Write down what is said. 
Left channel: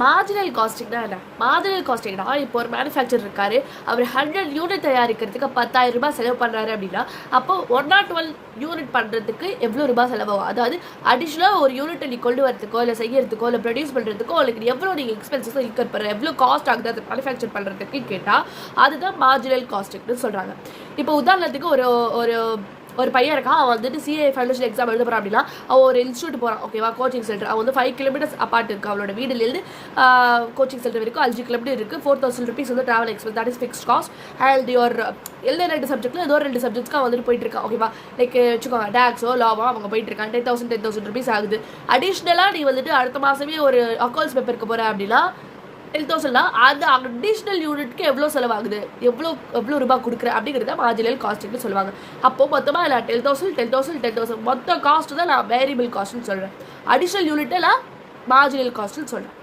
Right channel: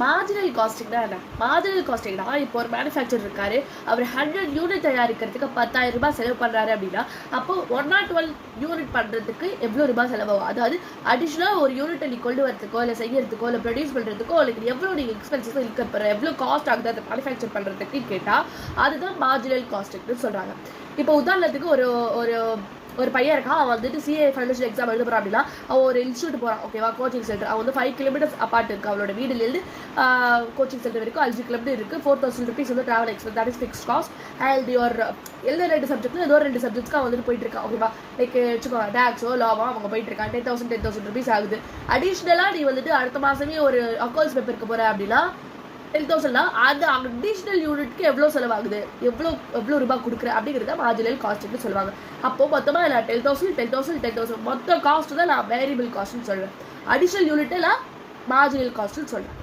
Marginal காஸ்டிங்னா என்ன? Marginal காஸ்டிங்னா இப்போ ஒரு மேனுஃபேக்சர் இருக்காரு, அவர் 100 யூனிட் தயாரிக்கிறதுக்கு 10,000 ரூபாய் செலவு பண்ணுறாரு அப்படின்னா, அப்போ 112 யூனிட் பண்ணுறதுக்கு எவ்வளோ ரூபாய் செலவாகும்? அதாவது அடிஷ்னலாக ஒரு யூனிட்டை நீ கொண்டு வரதுக்கோ இல்லை செய்யறதுக்கோ இல்லை ப்ரொடியூஸ் பண்ணுறதுக்கோ உங்களுக்கு எவ்வளோ நீங்கள் எக்ஸ்பென்சஸ் இன்கர் பண்ணுற, எவ்வளோ காஸ்ட் ஆகுது அதை மேனுஃபேக்சர் பண்ணுறதுக்கு கேட்டால் அதுதான் மார்ஜினல் காஸ்டிங்னு சொல்கிறாங்க. இப்போ உதாரணத்துக்கு ஒரு ஒரு ஒரு பையன் இருக்கான், அவன் வந்துட்டு சிஏ ஃபைனல் எக்ஸாம் எழுத போகிறான் அப்படின்னா அவன் ஒரு இன்ஸ்டியூட் போகிறான், ஓகேவா, கோச்சிங் சென்டர். அவன் வந்து 5 கிலோமீட்டர்ஸ் அப்பார்ட் இருக்குது, அவளோட வீடுலேருந்து கோச்சிங் சென்டர் வரைக்கும் 5 கிலோமீட்டர் இருக்குது. 4,000 rupees வந்து travel expense, that is fixed cost. And your எழுத 2 சப்ஜெக்ட்டில் ஏதோ 2 சப்ஜெக்ட்ஸ்க்கு வந்துட்டு போயிட்டு இருக்கான், ஓகேவா. லைக் வச்சுக்கோங்க டேக்ஸோ லாவோ அவங்க போயிட்டு இருக்கான், 10,000 rupees ஆகுது. அடிஷ்னலாக நீ வந்துட்டு அடுத்த மாதமே ஒரு அக்கௌண்ட்ஸ் பேப்பருக்கு போகிற அப்படின்னா 10,000 அந்த அடிஷ்னல் யூனிட்க்கு எவ்வளோ செலவாகுது, எவ்வளோ ரூபாய் கொடுக்குற அப்படிங்கிறத மார்ஜினல் காஸ்ட்னு சொல்லுவாங்க. அப்போ மொத்தமாக இல்லை 10,000 மொத்த காஸ்ட் தான் நான் வேரியபிள் காஸ்ட்னு சொல்கிறேன். அடிஷ்னல் யூனிட்டை நான் மார்ஜினல் காஸ்ட்னு சொல்கிறேன்.